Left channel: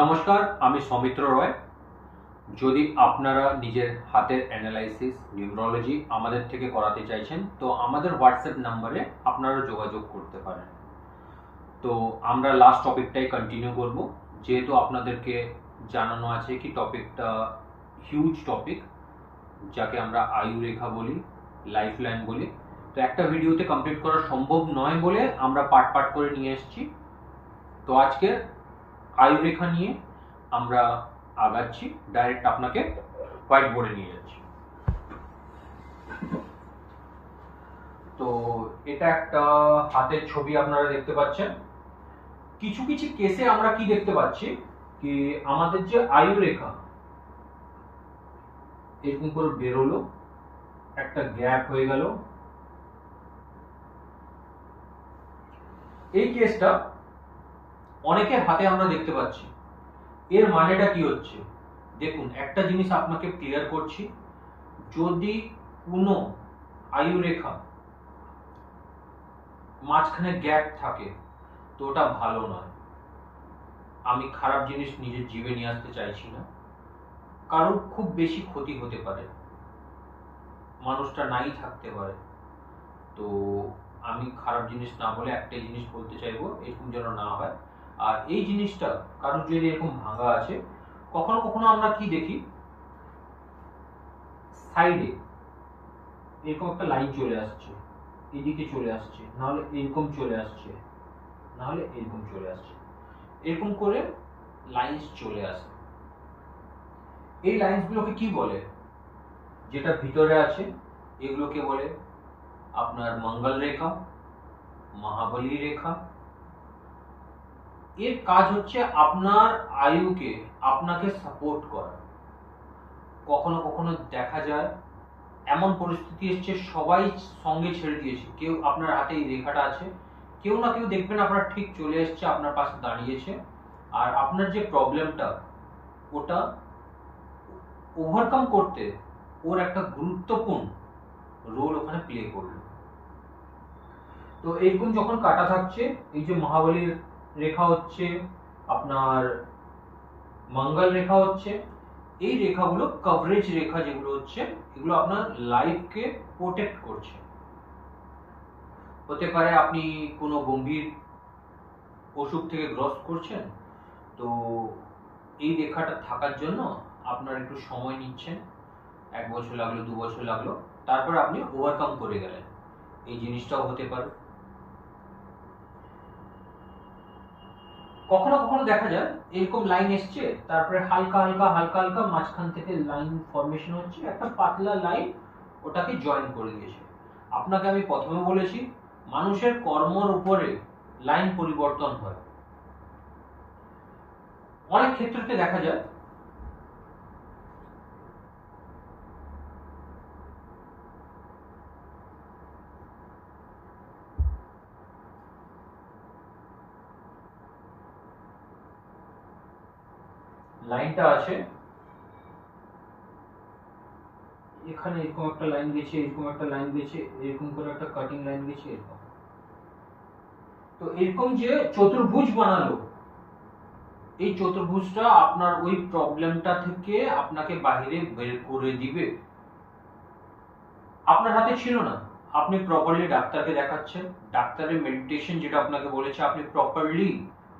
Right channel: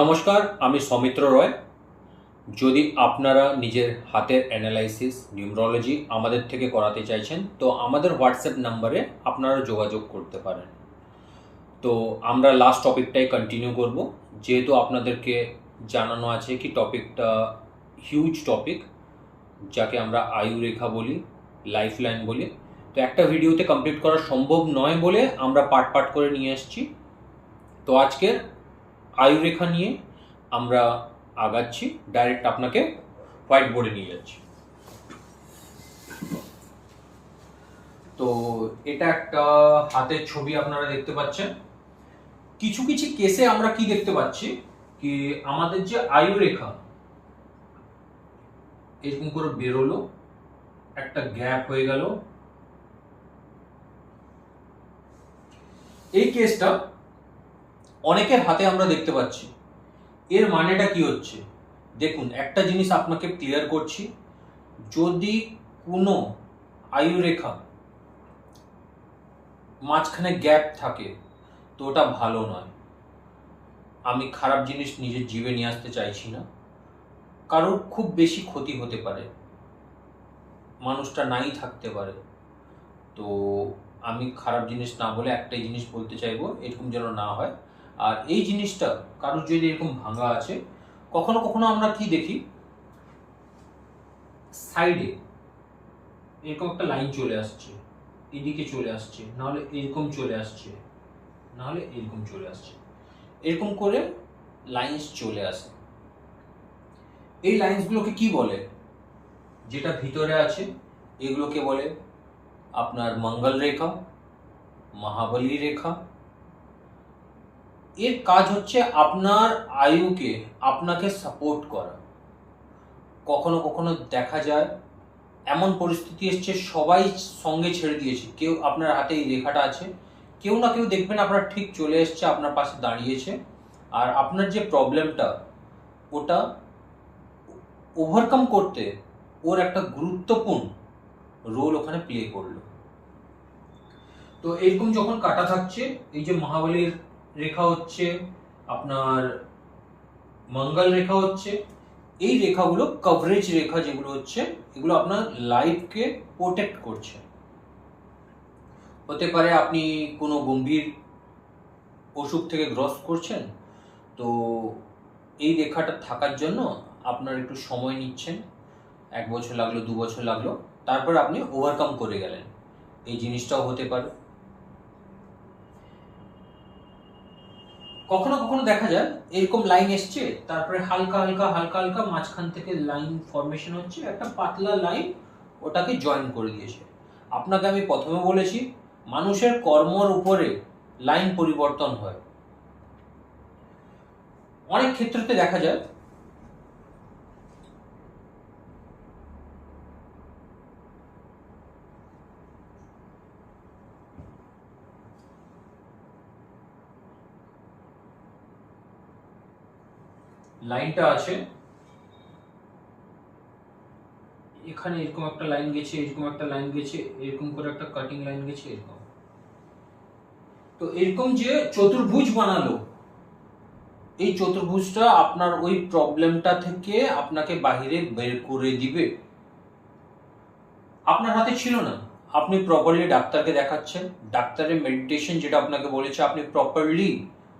নমস্কার, আমি সৌমিত্র রয়। যদি আপনারা নিজের হাতের অ্যানালাইসিস নিউমেরোলজি আমাদের থেকে করাতে চাইছেন তো আমাদের হোয়াটসঅ্যাপ নাম্বারে আপনারা যোগাযোগ করতে পারেন। তো আমরা লাস্ট টপিকটাই কন্টিনিউ করব, যেহেতু আপনাদেরকে জানানো আছে কি টপিকটা হিউজ টপিক, যাকে আমরা আয়ু রেখা বলি, লাইফ লাইন বলি। তো একটা ভিডিওতে কমপ্লিট করা সম্ভব নয় বলে আমরা পার্ট পার্ট করে নিয়ে এসেছি। তো আজকে আয়ু রেখা নিয়ে আমরা আগাচ্ছি, ডাইরেক্ট আপনাকে হোয়াইট বোর্ডে নিয়ে যাচ্ছি। তো এটা একটা হাতের ছবি আপনারা দেখতে পাচ্ছেন। কিছু কিছু কেসে আমরা কি দেখতে পাচ্ছি কি আমাদের যে আয়ু রেখা এরকম করে বেরোলো, একটা গ্যাপ হয়ে গেল। এই কেসটা অনেকের হাতে আমরা দেখতে পাচ্ছি। এর মানেটা কি হচ্ছে দেখুন, একটা জিনিস আপনাকে ক্লিয়ার করছি, যদি কোনো আয়ু রেখা মাঝখানে গ্যাপ থাকে তো ওটা ভালো নয়। আমি খারাপ জিনিস নিজের জীবে নিয়ে আসতে চাইছি না, কারোর খুব বেশি ক্ষতি হতে পারে, মানুষটা নাই থাকতে পারে। তো আমি খারাপ জিনিস না বলে একটাই জিনিস বলতে চাইবো, এরকম যেন না হয়। আর এই জিনিসটা কারোর যদি এরকম ভাঙা আছে, কখনো কখনো আমরা কি দেখি সাইডে এরকম একটা লাইন চলে আসছে, এদিকে চলে আসছে, নাহলে এরকম চলে আসছে, নাহলে এরকম চলে আসছে, এরকম করে লাইন্স চলে আসে। এই লাইন্সগুলোকে কি বলে? যেটা ভিতরে আছে এগুলোকে বলে আপনার মঙ্গল রেখা, মহাবলী রেখা। এর কাজ হচ্ছে আপনার আয়ুকে, আপনাকে সাপোর্ট করা। কখনো কখনো দেখা যায় এমন পরিস্থিতি এসছে সবাই সঙ্গে ছেড়ে দিয়েছে, কেউ আপনার হাতে এই রেখাটা আছে, কেউ না কেউ দেখবেন আপনার ঠিক চলে এসছে, আপনার পাশে দাঁড়িয়েছে, আর আপনার যে প্রবলেমটা ওটা ওভারকাম করতে ওর একটা গুরুত্বপূর্ণ রোল ওখানে প্লে করলো। তো এরকম যখন কাটা থাকছে, এই যে মহাবলীর রেখা হচ্ছে, আপনার মঙ্গল রেখা হচ্ছে, এই রেখাগুলো কভারেজ রেখা যেগুলো হচ্ছে, এগুলো আপনার লাইফকে প্রোটেক্ট করছে। হতে পারে আপনি কোনো গম্ভীর অসুখ থেকে গ্রস্ত করছেন, তো এই রেখাটা থাকার জন্য আপনার একটু সময় নিচ্ছেন, 1 বছর লাগলো, 2 বছর লাগলো, তারপর আপনি ওভারকাম করে গেলেন। এই জিনিসটাও হতে পারে। কখনো কখনো দেখা যায় এরকম লাইন এসছে, তারপরে হালকা হালকা হালকা হালকা মাঝখান থেকে লাইন ফরমেশন হচ্ছে, একটা পাতলা লাইন ওটাকে জয়েন করে দিয়েছে। আপনাকে আমি প্রথমে বলেছি মানুষের কর্মর উপরে লাইন পরিবর্তন হয়। অনেক ক্ষেত্রে দেখা যায় লাইনটা আছে এখানে, এরকম একটা লাইন গেছে, এরকম একটা লাইন গেছে, এরকম করে একটা কাটিং লাইন গেছে, এরকম। তো এরকম যে চতুর্ভুজ বানালো, এই চতুর্ভুজটা আপনার ওই প্রবলেমটা থেকে আপনাকে বাইরে বের করে দিবে। আপনার হাতে ছিল না, আপনি প্রপারলি ডাক্তারকে দেখাচ্ছেন, ডাক্তারের মেডিটেশন যেটা আপনাকে বলেছে আপনি প্রপারলি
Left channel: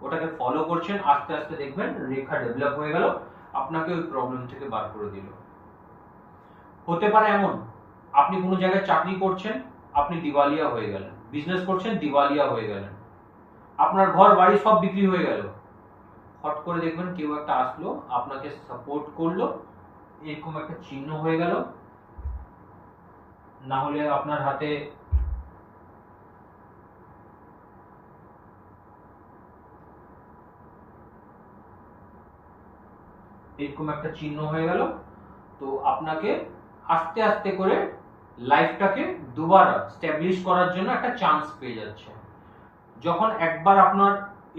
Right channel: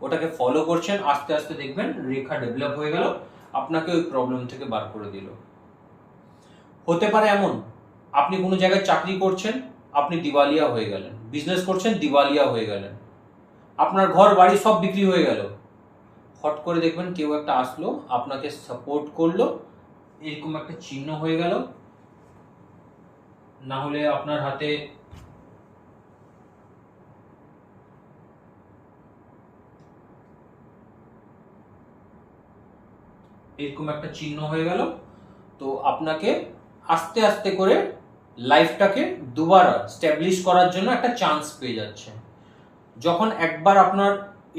ওটাকে ফলো করছেন, আস্তে আস্তে দেখবেন রেখা ডেভেলপ হয়ে গেল, আপনাকে ওই প্রবলেম থেকে বার করে দিল। হতে পারে এমন আপনি কোনো জায়গায় চাকরি করছেন, আপনি দিওয়ালিয়া হয়ে গেলেন, বিজনেস করছেন, দিওয়ালিয়া হয়ে গেলেন, আপনার ঘর বাড়ি সব বিক্রি হয়ে গেল, হট করে দেখবেন কেউ একটা আসলো, আপনাকে সাপোর্ট করলো, এরকম একটা চিহ্ন হয়ে গেল। না হলে আপনার হাতে এরকম একটা চিহ্ন হয়ে গেল। তো আপনাকে আস্তে আস্তে করে লাইফটাকে দুবারা স্ট্যাবলিশ করার জন্য একটা চান্স পেয়ে যাচ্ছে। যখন একবার আপনার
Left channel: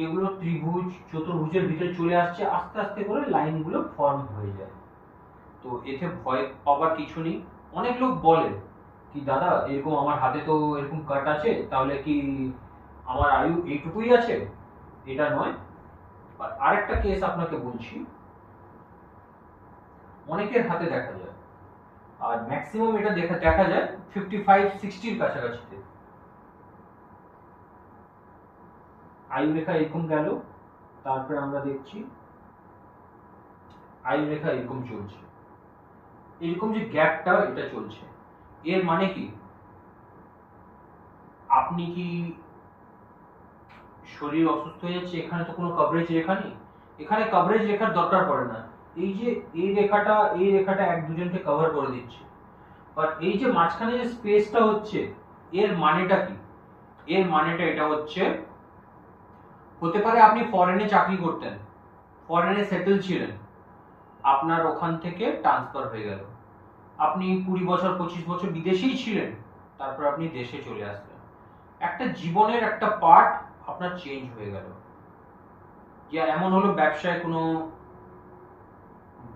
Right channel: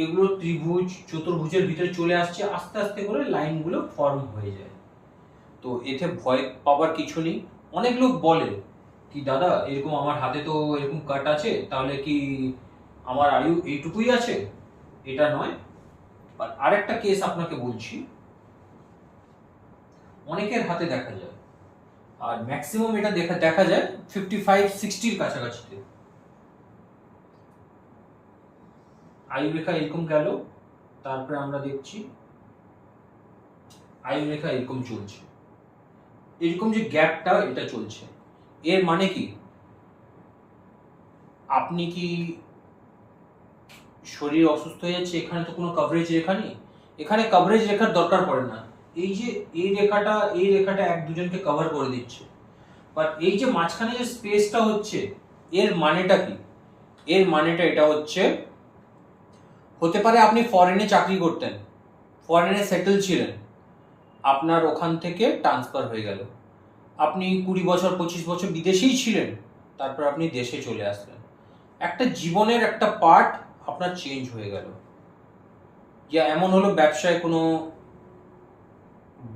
এগুলো ত্রিভুজ চতুর্ভুজের ভিতরে চলে আসছে, আস্তে আস্তে করে লাইনগুলো ফর্ম হয়ে যায়। তো এতে ভয় পাবার কিছু নেই। অনেক লোক বলে কি দাদা এরকম আমার হাতে তো এরকম কাট আছে, তাহলে কি আমার আয়ু এইটুকুই আছে? এটা নয়, আর আরেকটা কেস আপনাকে বলছি, অনেকের হাতে দেখা যায়, আর ম্যাক্সিমাম এটা দেখা যায় 55-60 কাছাকাছিতে। আয়ু রেখা এরকম গেল, তারপরে আমরা দেখছি আয়ু রেখা এরকম চলছে, এরকম যে গ্যাপটা এটা চলছে, এর মানে কি আপনি কি শরীর অসুস্থ হয়ে যাচ্ছে, এখানে তো কোনো কভারেজ রেখা নেই, এখানে কভারেজ রেখার দরকার পড়ে না, এই যে এই রেখাটা এক দুজনকে কভার করে দিচ্ছে, আর এই যে মাঝখানে যে স্পেসটা হচ্ছে, এর মানেটা কি? এর মানেটা এটা হচ্ছে, হতে পারে আপনি ফরেনে চাকরি করতেন, ফরেনে সেটেল ছিলেন, আপনার ওখান থেকে ট্রান্সফার হয়ে গেল, আপনি 20 বছর 25 বছর বিদেশেই ছিলেন, তারপর আপনি দেশে চলে আসলেন, একটা জীবনের একটা পার্ট আপনার চেঞ্জ হয়ে গেল। যে এমন হলো ব্যবসায় কোনো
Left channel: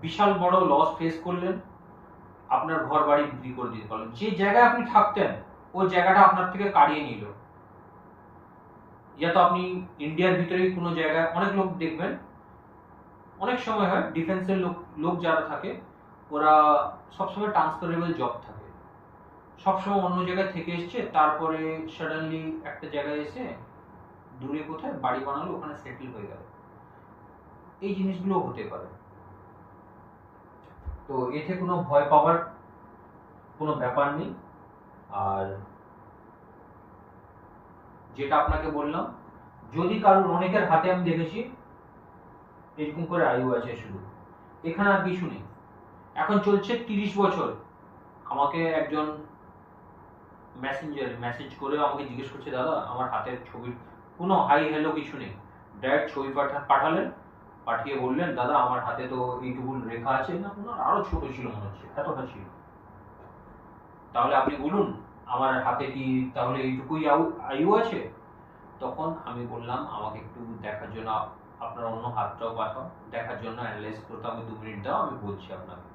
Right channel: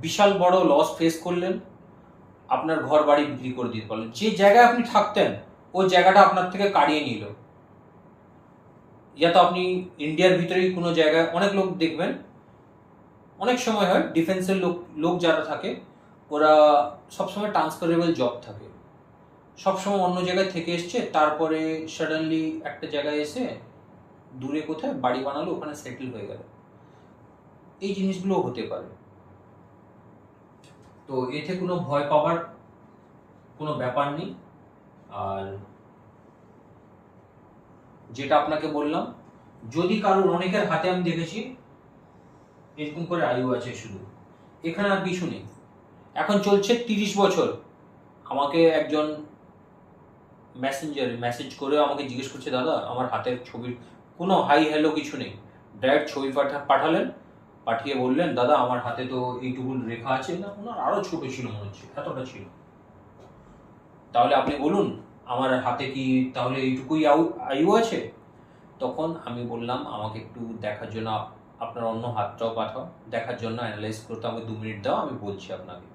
বিশাল বড় লস ফেস করলেন, আপনার ঘর বাড়ি বিক্রি করে দিতে পারলেন, যে জায়গায় আপনি থাকতেন ওই জায়গাটা আপনার থেকে কাড়িয়ে নিল, ইয়া তো আপনি ইন্ডিয়ার ভিতরেই কোনো জায়গায়, অনেক লোক দেখবেন অনেক সময় হয় ডিফেন্সের লোক যারা থাকে ওরা সবসময় ট্রান্সফারেবল জব থাকে, সবসময় অন্য জায়গায় থেকে এসছে, তারপরে সাডেনলি একটা জায়গায় এসে দূরে কোথায় বাড়ি বানালো, ওখানে সেটেল হয়ে গেল, এই জিনিসগুলো হতে পারে। তো এতে কোনো ভয় পাওয়ার কোনো ব্যাপার নেই। আর যেটা আপনাকে বললাম, যদি কারোর, অনেকের হাতে আমি দেখেছি এরকম করে আয়ু আছে শুধু, এখানে আর কিছু নেই, এখন চলছে 30 বছর। আমাকে একজন মেসেজ করে আমাকে জিজ্ঞেস করছে, দাদা আমার হাতের ছবির কোনো হাই হ্যালো কিছু নেই, ডাইরেক্ট ছবি পাঠালেন, পাঠিয়ে বললেন দাদা আমার হাতে তো এইটুকু রেখা আছে, না ওনার আরো ছোট ছিল মনে হচ্ছে, এতটা ছিল, তাহলে আপনি বলুন আমার হাতে কি তাহলে এইটুকুই আয়ু আছে? তখন আমি বললাম আমাকে একটু দেখার জন্য আপনার অন্য হাতটাও পাঠাও, দেখার জন্য অ্যানালাইজ করতে আমাকে 2 মিনিট দাও, আমি বলছি আপনাকে।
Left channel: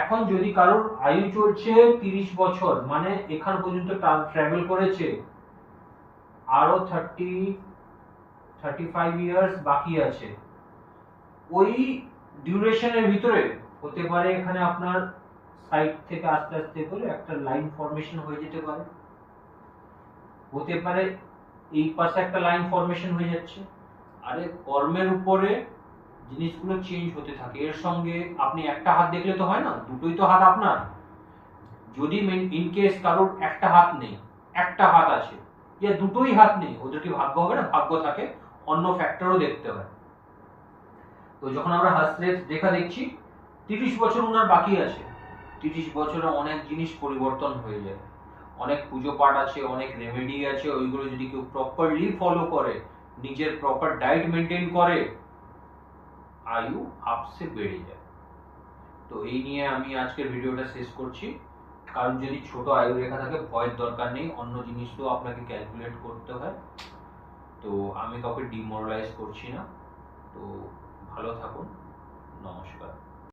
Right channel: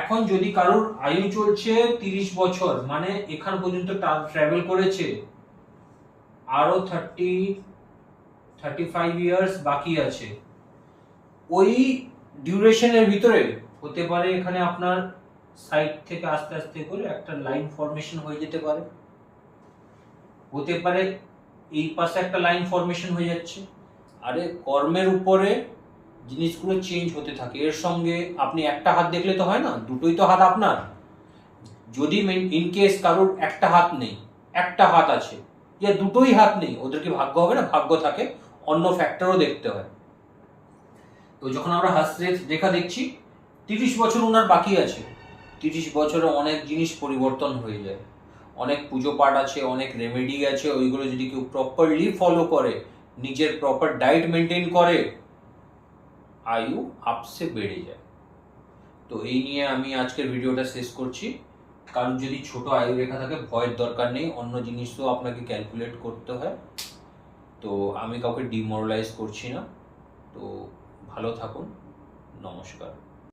এখন যদি কারোর আয়ু চলছে 30 বছর, মানে এখান পর্যন্ত ট্রাভেল করেছে, আরো 35 ইয়ার্স বাকি আছে, ওই ডিউরেশনের ভিতরে হতে পারে এখানে আপনার সাইড থেকে আস্তে আস্তে করে একটা লাইন ফরমেশন হয়ে যেতে পারে, হতে পারে এই পাশে একটা লাইন ফরমেশন হয়ে যাচ্ছে। আরে কর্মের উপরে জিনিসগুলো চেঞ্জ হতে থাকে, এর সঙ্গে আপনি একটা হাত দেখলে তো হয় না, দুটোই তো হাত আপনার। যদি ইন কেস কারোর একটা হাত নেই, একটা হাত আছে, ইয়া দুটোই হাত নেই, ওদের কি ভাগ্য হবে না? ভাগ্য থাকে, অন্য ফ্যাক্টরও দেখতে হয়। তো যখন আমরা রেখা দেখছি 30 বছর ওনার বাকি আছে, 30 বছরে অনেক জিনিস পরিবর্তন হয়ে যায়, অনেক পুজো পাঠ আছে, অনেক রেমেডি আছে, ওইগুলো যদি কেউ প্রপারলি ফলো করে, নিজের প্রপার ডায়েট মেনটেন করে, আয়ু আপসে বেড়ে যায়। তো এই নিয়ে আমি আজকের ভিডিওটা শেষ করছি। কারণ যদি ছোট আয়ু রেখা থাকে ভয়ের দরকার নেই, অন্য জিনিসও আপনাকে ক্যালকুলেট করতে হয়। তো আমি কাউকে ডিমোরালাইজ করছি না। তো ভালো থাকুন, নমস্কার।